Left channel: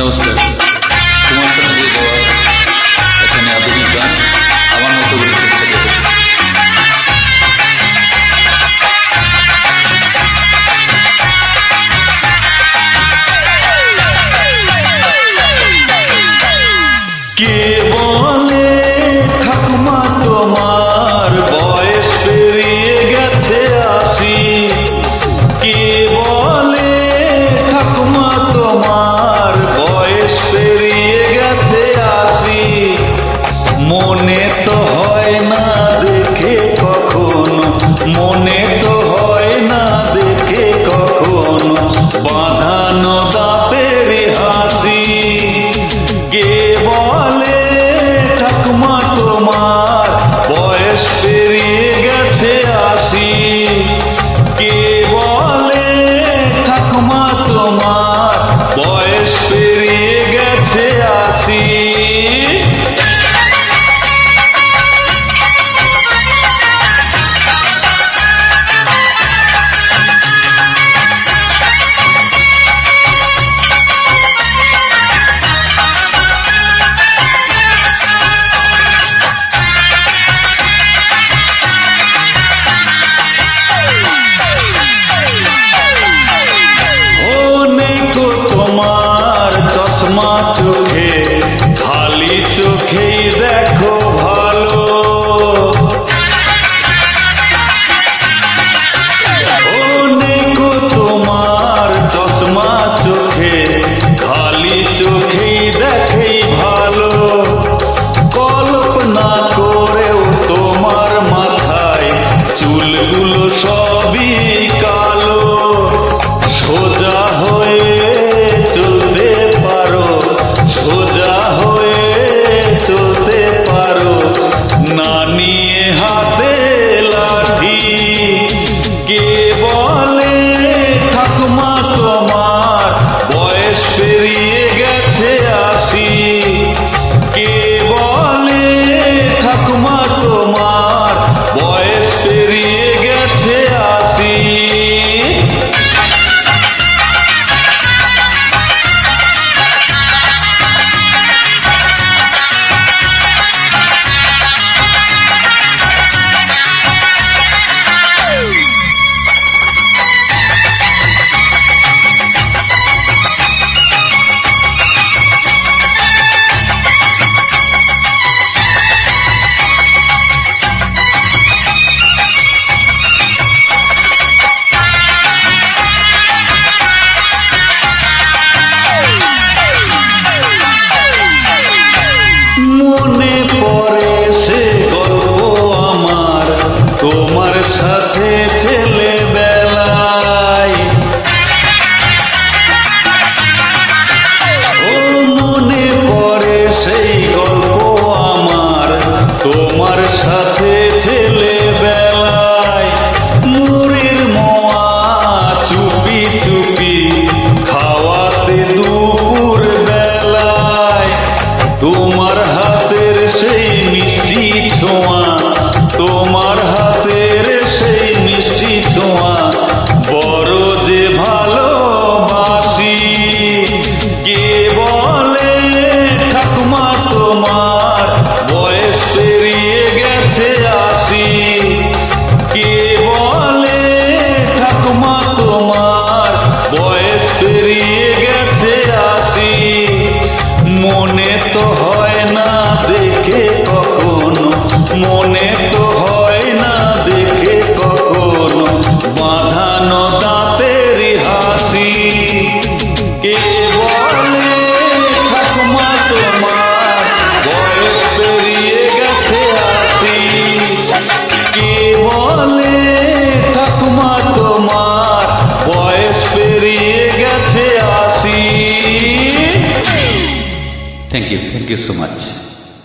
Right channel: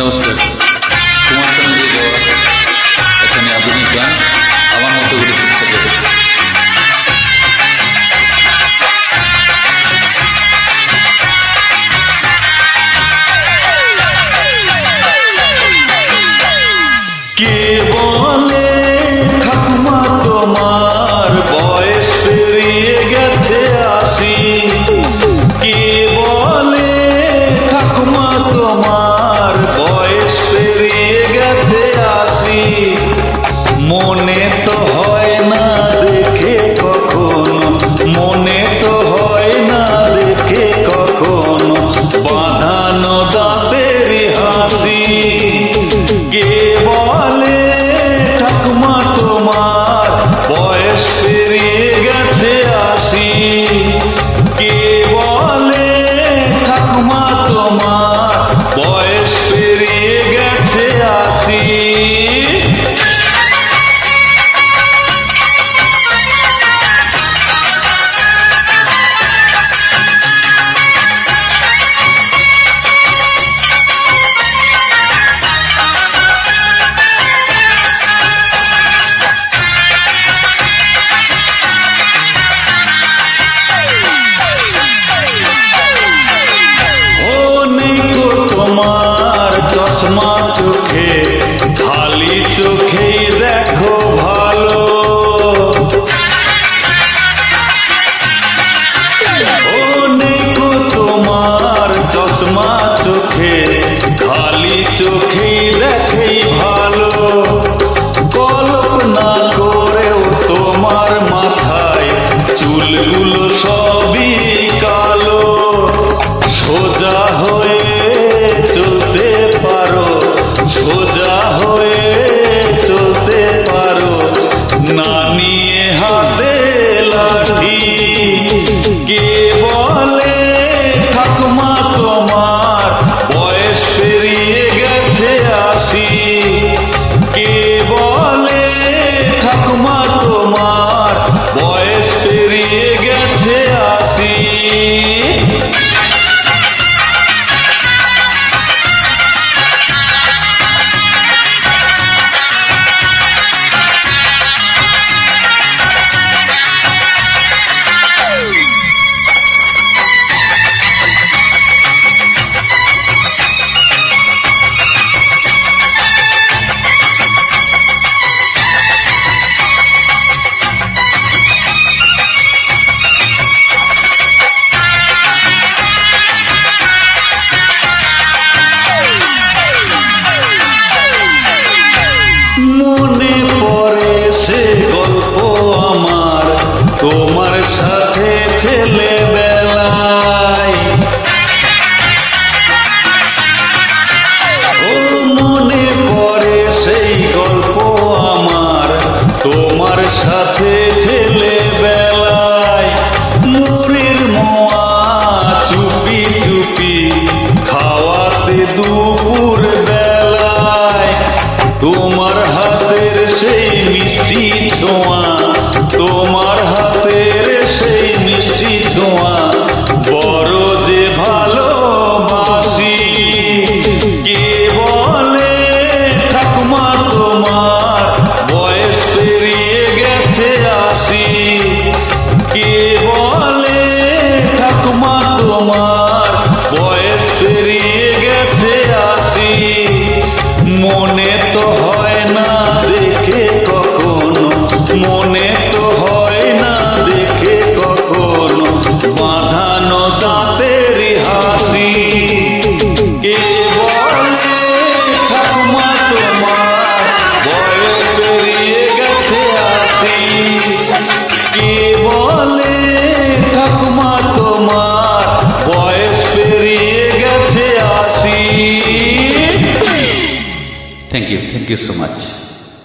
নমস্কার, কুমার শানু যে গাওয়া এখানে আধুনিক গান আমার মতো করে চেষ্টা করবে। কে বলে ঠাকুমা তোমার বয়স পেরিয়ে গেছে ৮০? কে বলে ঠাকুমা তোমার বয়স পেরিয়ে গেছে ৮০? মনে তো হয় না দেখে কখনো, মনে তো হয় না দেখে কখনো বাঁধানো দাঁতের হাসি। কে বলে ঠাকুমা তোমার বয়স পেরিয়ে গেছে ৮০? কে বলে ঠাকুমা তোমার বয়স পেরিয়ে গেছে ৮০? তোমার চশমা চোখে, খালি চোখেই দেখো ভালো। ও নেকো তোমার চশমা চোখে, খালি চোখেই দেখেই ভালো। কল্পনা করেও তোমার মাথায় চুলগুলো সবই কালো। সোজা হয়ে চলতে পারো, সোজা হয়ে চলতে পারো, না নিয়ে হাতে লাঠি। কে বলে ঠাকুমা তোমার বয়স পেরিয়ে গেছে ৮০? কে বলে ঠাকুমা তোমার বয়স পেরিয়ে গেছে ৮০? মনে পড়ে সে গল্প আমার তোমার সাথে ছেলেবেলায়। ও মনে পড়ে সেই গল্প আমার তোমার সাথে ছেলেবেলায়। মুড়ির মোয়া চুপি চুপি খাওয়াতে দুপুর বেলায়। তোমার হাতের সেই মিষ্টি ছোঁয়া, তোমার হাতের সেই মিষ্টি ছোঁয়া বড় যে ভালোবাসি। কে বলে ঠাকুমা তোমার বয়স পেরিয়ে গেছে ৮০? কে বলে ঠাকুমা তোমার বয়স পেরিয়ে গেছে ৮০? মনে তো হয় না দেখে কখনো, মনে তো হয় না দেখে কখনো বাঁধানো দাঁতের হাসি। কে বলে ঠাকুমা তোমার বয়স পেরিয়ে গেছে ৮০? কে বলে ঠাকুমা তোমার বয়স পেরিয়ে গেছে ৮০? Thank you so much.